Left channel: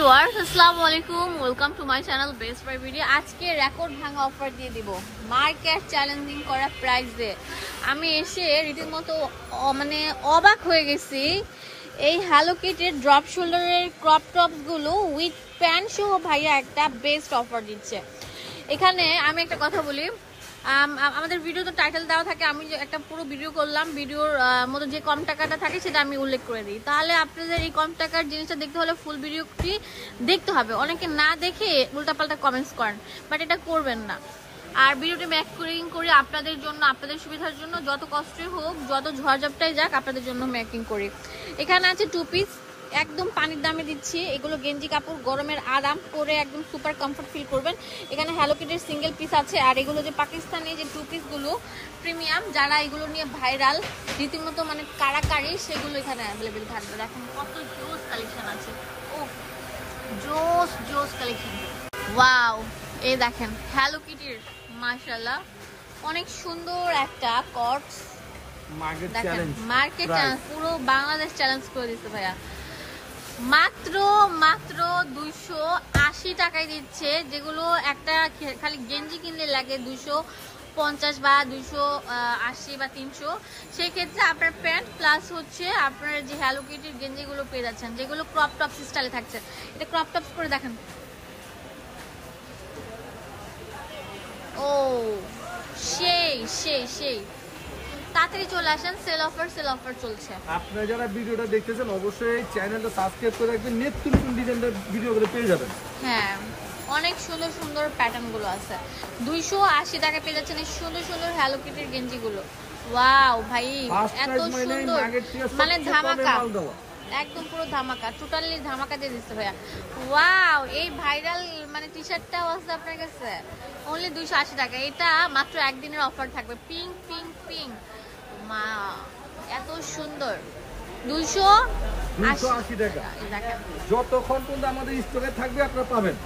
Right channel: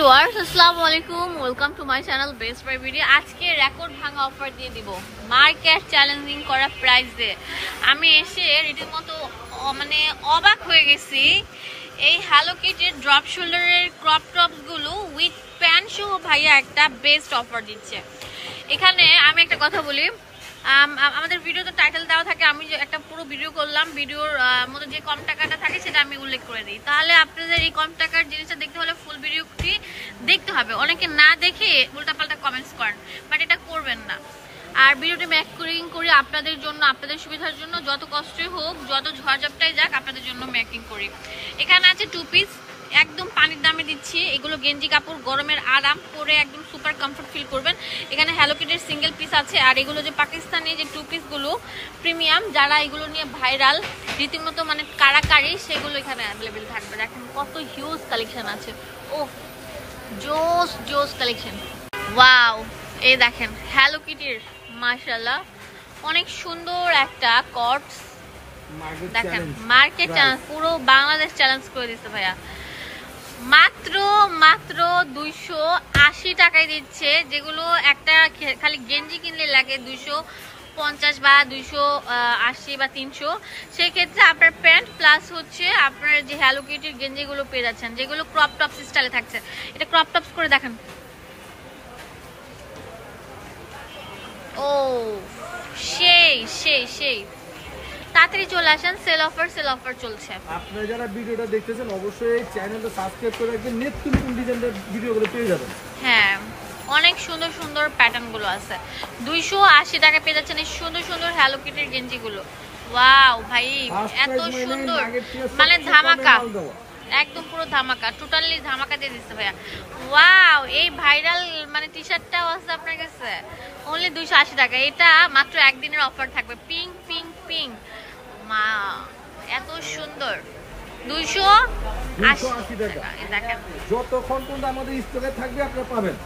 আসসালামু আলাইকুম, welcome to my channel best buy video. আজকে রেকর্ড ভাঙা অফার দিয়ে দিব, মার্কেট চ্যালেঞ্জিং করা প্রাইস দিয়ে। আমি এসে রীতিমতো মানে অবাক হয়ে গেছি। এই হ্যালো কিটির ড্রপ শোল্ডারের ক্রপ টপসগুলো উইথ প্যান্ট সহ ভাইয়া একটা বেস্ট অফার দিচ্ছে। এখানে আমি একটা কথা বলি, আমাদের ভিডিও তো টাইটেল দেওয়া থাকে, আমি একটা পুরো ভিডিও করলাম, ভিডিওর মধ্যে যে কম টাকাটা থাকে সেটা আমি উল্লেখ করে দিই। তাহলে আপনাদের এই কম টাকার জিনিসটা দেখতে হলে ফুল ভিডিওটি দেখতে হবে। অনেকে না দেখে উল্টাপাল্টা কমেন্টস করেন, বাট এটা করবেন না। আর ভিডিওটি মেকিং করি আপনাদের জন্য, আপনাদের সুবিধার জন্য, যত কষ্টই হোক, যত ঝড়ঝাপটাই যাক, আপনাদের জন্য মেকিং করি। এখানে আছে 2 পিস, একদম পানির দামে দিচ্ছি। এগুলো গেঞ্জি কাপড়, গরমের আরাম, পরে একদম সুপার কমফর্ট ফিল করবেন। এখানে হ্যালো কিটের সিঙ্গেল পিস আছে, আর এগুলো যে পাকিস্তানি যে 2 পিসগুলো প্রিমিয়াম, যারা এগুলো নিয়ে ভাইরাল রীতিমতো মানে কারাকারি, সেগুলো এখানে অ্যাভেলেবেল থাকবে। দেখেন কত হিউজ কালেকশন আছে। ও জোস জোস কালেকশন, ওয়াও। এই দেখেন হ্যালো কিটির, মাশাআল্লাহ অনেক সুন্দর একটা কটস। দেখেন মার্কেট চ্যালেঞ্জ, পুরো বাংলাদেশ চ্যালেঞ্জ করে দিচ্ছে ভাইয়া। মাত্র 280 টাকায় দিচ্ছে, যেগুলো একটা খালি গেঞ্জি কিনলে লাগে 250 বা 280 বা 300। সেই ক্ষেত্রে আপনার প্যান্ট প্লাস হচ্ছে আপনার যে হ্যালো কিটির গেঞ্জিগুলো পেয়ে যাচ্ছেন, যেগুলো ক্রপ টপস স্টাইলে থাকছে। এটা ক্রপ টপস করে দেখেন। ও সেই সেই সেই তাড়াতাড়ি চলে আসেন, সেল অফার চলছে। আপনারা যারা ভিডিওটা দেখতেছেন অবশ্যই চ্যানেলটা সাবস্ক্রাইব করে রাখবেন, নিত্য নতুন ডিজাইনের ভিডিওগুলো পেয়ে যাবেন। হ্যাঁ, অনেক সুন্দর সুন্দর প্যাটার্ন গুলো আছে। 280 টাকা পেয়ে যাচ্ছেন এই সুন্দর সুন্দর হ্যালো কিটির গেঞ্জিগুলো। ওয়াও ভাই, এত সুন্দর, মানে ধামাকা, একদম পুরো ধামাকা, টোটালি ধামাকা দিয়ে দিচ্ছে ভাইয়া। ওয়াও, এই ভাইরাল মানে টি শার্টটাও আছে আপনার কাছে, অনলি 280 টাকা। এটা মাত্র একদিনের অফার থাকবে। পিঙ্ক পিঙ্ক পিঙ্ক, মা এত সুন্দর। 280 টাকা দেখেন, যতক্ষণ পর্যন্ত আমাদের স্টকে থাকবে আপনারা পাবেন।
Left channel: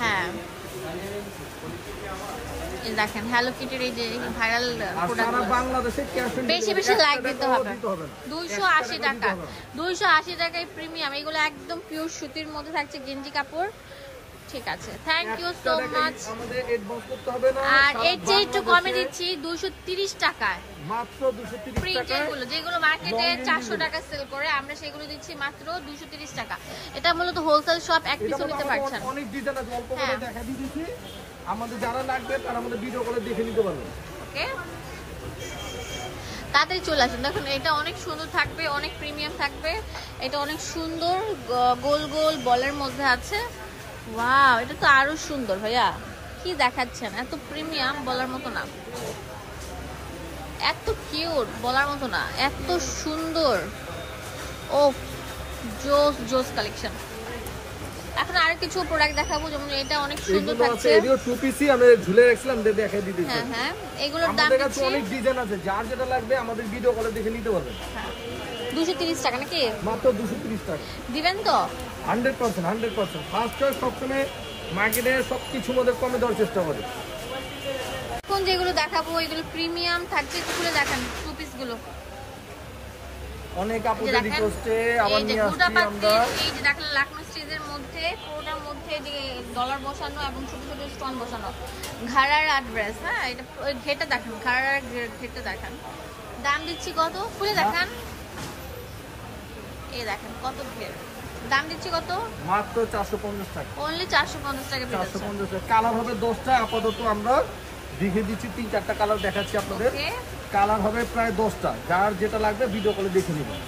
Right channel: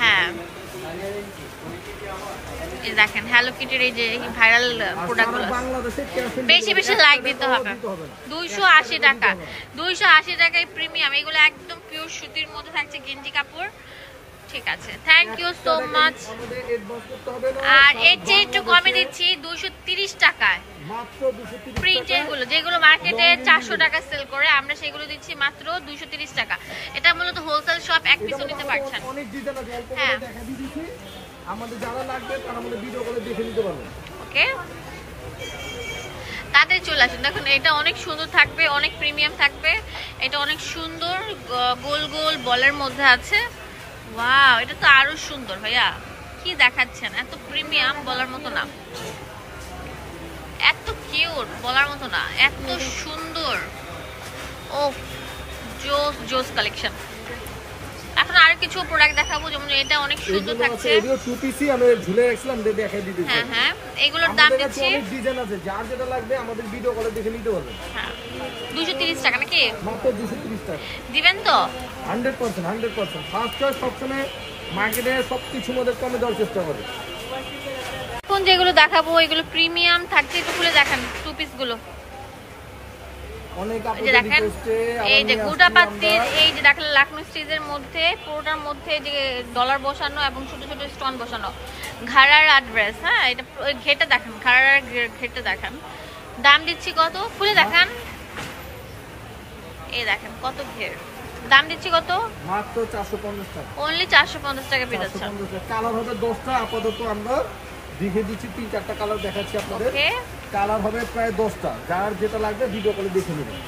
হ্যাঁ এই দেখেন হ্যালো কিটির এই যে ভাইরাল প্রোডাক্ট, বাংলাদেশে বেশি বেশি লাইক দিতে হবে। 280 টাকা, 280 টাকায় প্রিমিয়াম। এগুলো একদম পিওর সুতির মধ্যে থাকছে, গেঞ্জি কাপড়। ঠিক আছে, থ্যাংক ইউ সো মাচ। আর এর চেয়ে একটু কমে দিচ্ছি 230 টাকায় মাত্র 230 প্রিন্টের গুলো, যেগুলো মার্কেটে 400 টাকা সেল করে, আমরা সেগুলো দিচ্ছি মাত্র 230 টাকা। এটা মূলত হোলসেল শপ, এক পিস নিতে পারছেন। অনেক ডিজাইন আছে, অল্প করে দেখা দিয়েছি। আমাদের যারা লাগবে তারা আমাদের ভিডিও করে দেখে নিতে পারবেন। ওকে, তাড়াতাড়ি চলে আসুন। দেখুন এটা অনেক সুন্দর থাকবে, অনেক প্রিমিয়াম থাকবে। এটা অনেক সুন্দর গোল গোল বলের মধ্যে আছে। ওয়াও, এটা তো আরো সুন্দর ভাইয়া, কি দেখাচ্ছেন, এত প্রিমিয়াম বলার মতো না, এত কিউট বলার মতো না, এত সুন্দর। ও জোস জোস কালেকশন। এখন আরো কিছু প্রোডাক্ট দেখাবো, যেমন এটা অনেক সুন্দর থাকছে। এগুলো 2 পিসই আমি ঝুলে রাখছিলাম, দেখাই দিতেছি। হ্যাঁ হ্যাঁ, এগুলোর দাম দিচ্ছি, অনেক ডিজাইন আছে, যার যেটা লাগবে আমাদের ভিডিও কলে দেখে নিতে পারবেন। হ্যাঁ 230 টাকা নাকি? মাত্র 230 টাকা দিবেন তো? 100% ফার্স্ট চয়েস সবসময় মার্কেটে সবকিছুর মধ্যে কমে দেওয়ার চেষ্টা করে। এখন যেগুলো দেখাবো এগুলো প্রিমিয়াম থাকছে, একটু খুলে দেখেন 2 পিস গুলো। অনেক আপুদের রিকোয়েস্টে এই যে গুডা পাত্তির, এই যে দেখেন লাকনো স্টিচের মধ্যে, পুরোটার মধ্যে যে ডলার বসানো এবং ছোট ছোট স্টোন বসানো, ঘাড়ার অ্যাড্রেস। হ্যাঁ, এটা ঘেরটা দেখেন, ঘাড়ার ঘেরটা দেখেন। দাম দিচ্ছি কত, খুলে দেখান। এই দেখেন কত ঘের, দাম দিচ্ছি কত? মাত্র 450 টাকা, অনলি 450 টাকা পেয়ে যাচ্ছেন। 450 টাকা। কালার হবে 10টা, আপাতত আমরা দেখে দিচ্ছি 3-4টা কালার দেখাচ্ছি আপনাদের। কালার হবে প্রায় 10টা, যার যেটা লাগবে ভিডিও কলে দেখে নেবেন।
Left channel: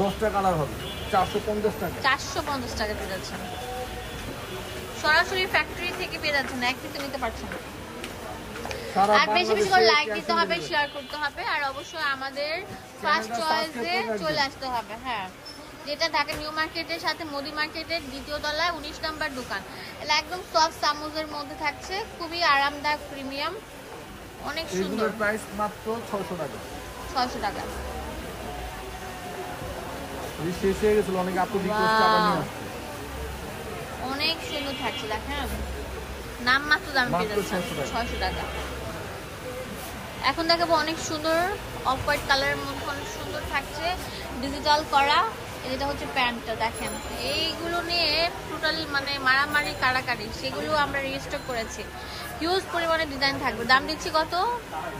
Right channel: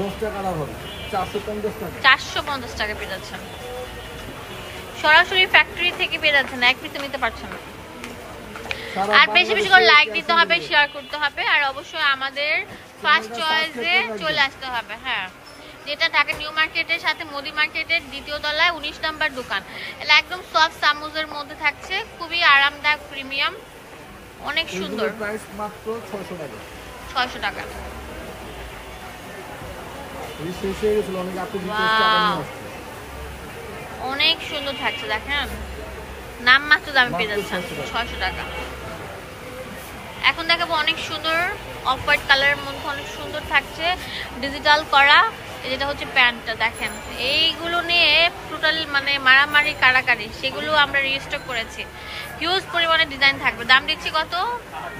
10টা কালার হবে, 450 টাকা। 450 টাকা পেয়ে যাচ্ছেন, সরাসরি ফ্যাক্টরি থেকে পেয়ে যাচ্ছেন, এক পিস নিতে পারছেন না। আর বেশি বেশি করে লাইক দিতে হবে, শেয়ার করতে হবে, আর অবশ্যই আমাদের ফার্স্ট চয়েসে চলে আসতে হবে। হ্যাঁ, যেটা ঢাকা নিউ মার্কেটের সাথে মোদি মার্কেটের 2য় তলায় 19 নম্বর দোকান। এটা একদম সফট সামুজের মধ্যে থাকছে, খুবই আরামদায়ক, প্রিমিয়াম, অনেক সুন্দর। প্রাইস মাত্র 600 টাকা। 600 টাকা। এই শেষ হয়ে গেছিল, অনেক আপু রিকোয়েস্ট আবার নিয়ে আসছে। অনেক সুন্দর থাকছে, দেখেন নাম মাত্র দামে পেয়ে যাচ্ছেন 600 টাকা। এখন দেখাবো অনেক সুন্দর অফ হোয়াইট কালারের মধ্যে, অনেক সুন্দর থাকছে, ডিজিটাল করা, যেটা হচ্ছে প্যান্টটা দেখেন, এইগুলো নিয়ে টোটাল মানে মারামারি কাড়াকাড়ি, সেগুলো আমরা রিস্টক করেছি। হিউজ পরিমাণে ডিজাইন থাকবে। দাম দিচ্ছি কত?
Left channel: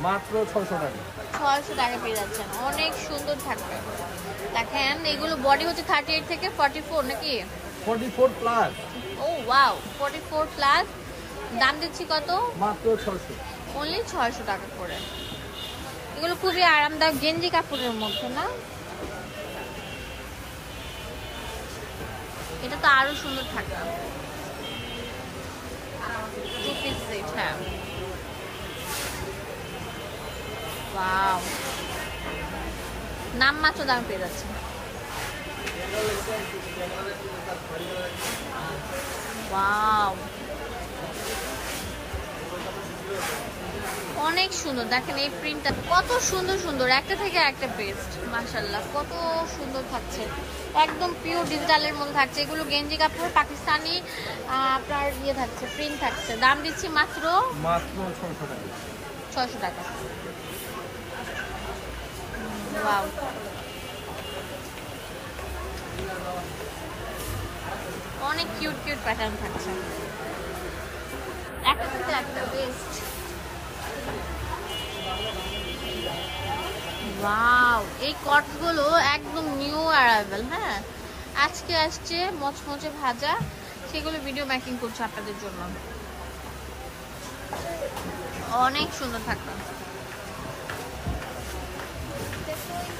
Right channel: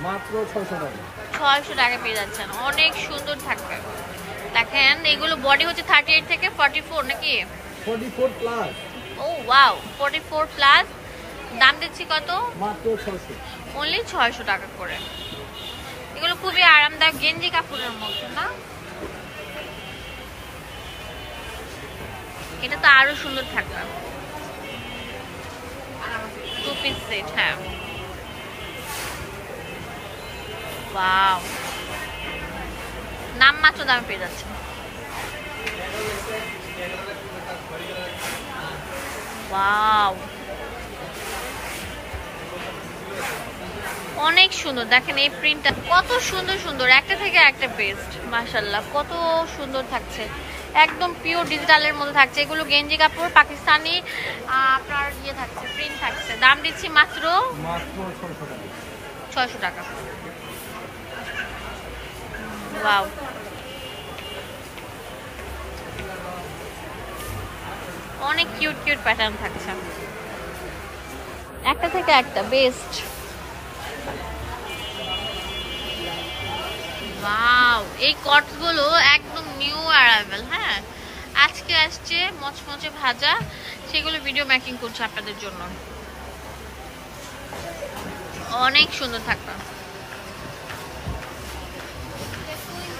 মাত্র 600 টাকা। 600 টাকা পেয়ে যাচ্ছেন। অনেক সুন্দর থাকবে। দেখেন এগুলো বডি হচ্ছে 38 থেকে 44 নাকি? 44 প্লাস। ও ওয়াও, 44 প্লাস। দাম দিচ্ছি কত? মাত্র 600। অনলি 600 টাকা করে। এগুলো খুবই আরামদায়ক গেঞ্জি কাপড়ের মধ্যে না? এটা তো আরো সুন্দর থাকবে। 2 পিস সেট। হ্যাঁ, ওয়াও, নাম মাত্র দামে পেয়ে যাচ্ছে। ওয়াও, অনেক সুন্দর। দেখেন এই প্রিন্টটা কত সুন্দর সুন্দর, একটা থেকে একটা বেস্ট। মাশাআল্লাহ, কত সুন্দর থাকছে। একদম পিওর ডিজিটালের মধ্যে থাকছে। এগুলো গেঞ্জি কাপড়, পাকিস্তানি আপনার ইয়ে থাকছে, প্রিন্ট থাকছে। দাম দিচ্ছি মাত্র 600 টাকা। 600 টাকা। ওয়াও, অনেক কিউট কিউট প্যাটার্ন থাকছে, একটা থেকে একটা বেস্ট। ওয়াও, এই কটগুলো একদম নিউ অ্যারাইভেল। হ্যাঁ, আজকে আসছে মচমচে ভাজা, সেগুলো ভিডিও মেকিং করছে আপনাদের জন্য। অনেক সুন্দর থাকবে,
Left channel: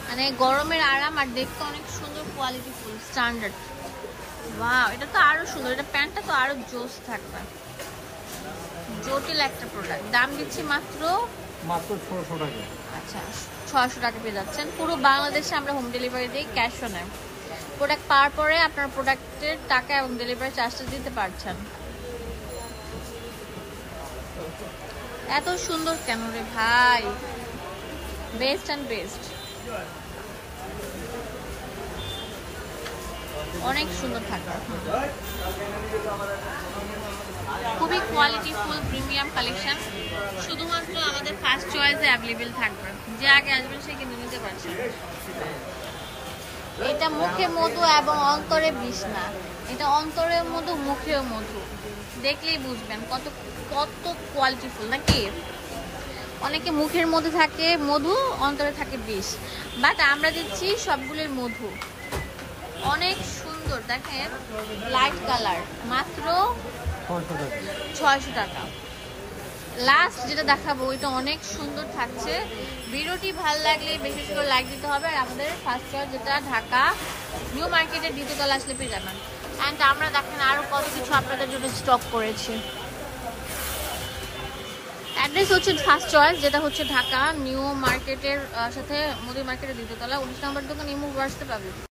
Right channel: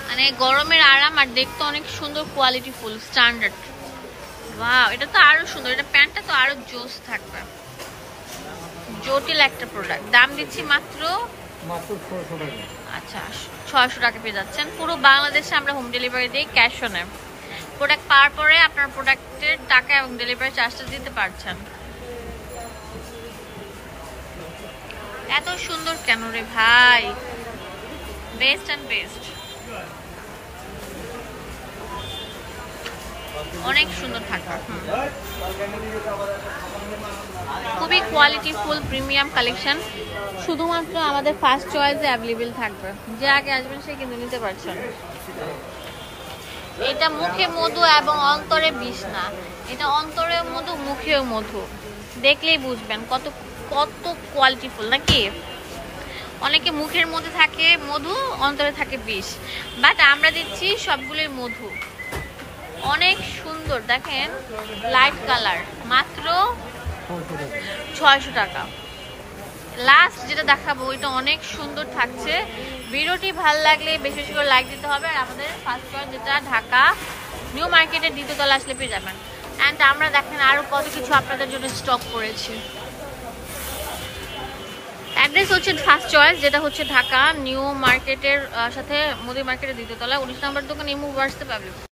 মানে গরমের আরাম, আর দেখতে অনেক সুন্দর, কোয়ালিটি ফুল, স্ট্যান্ডার্ড। ওয়াও, এটা তো আরো সুন্দর। এটা প্যান্টটা তো আরো জোস থাকবে, জটিল একটা প্রোডাক্ট। দাম দিচ্ছি মাত্র 600 টাকা। আচ্ছা, 600 টাকা পেয়ে যাচ্ছেন। পুরো বাংলাদেশে আমরা হোম ডেলিভারি দিই, ক্যাশ অনে। প্রোডাক্ট পাওয়ার পরে আপনার প্রোডাক্টের টাকা এবং ডেলিভারি চার্জটা দিতে পারছেন। এত সুন্দর কেন রে ভাই? বেস্ট অ্যান্ড বেস্ট, অনেক সুন্দর থাকবে। খুবই কোয়ালিটি ফুল প্রিমিয়াম কালেকশন, শুধুমাত্র আমাদের ফার্স্ট চয়েসে অ্যাভেলেবেল থাকবে। যে আগে আসবেন সে কিন্তু নিতে পারছেন। এটা মুখে মধু এবং অন্তরে বিষ না, এটা অন্তরে মধু, মুখেও মধু। দেখলেই বুঝবেন কত কত কোয়ালিটি ফুল নাকি? অনেকে মুখের মধ্যে থাকে মধু, অন্তরে থাকে বিষ, বাট আমরা দিচ্ছি সবগুলোর মধু। অনেক সুন্দর, দেখেন লাইট কালার, মাত্র 600 টাকা। লাস্ট যেটা দেখাবো ওইটা অনেক সুন্দর থাকছে। ভিডিওটি ভালো লাগলে বেশি বেশি করে লাইক দিতে হবে। আর আমাদের ফার্স্ট চয়েস যেটা ঢাকা নিউ মার্কেটের দ্বিতীয়তলা আসলে পেয়ে যাবেন। অ্যান্ড আমরা দেখেন আরো কত কিছু আপনাদের জন্য স্টক করেছি। অ্যাড্রেস হচ্ছে ফার্স্ট চয়েস, যেটা হচ্ছে ঢাকা নিউ মার্কেটের সাথে মুদি মার্কেটের দ্বিতীয়তলা, 19 নম্বর দোকান, ইমো হোয়াটসঅ্যাপ পাবেন।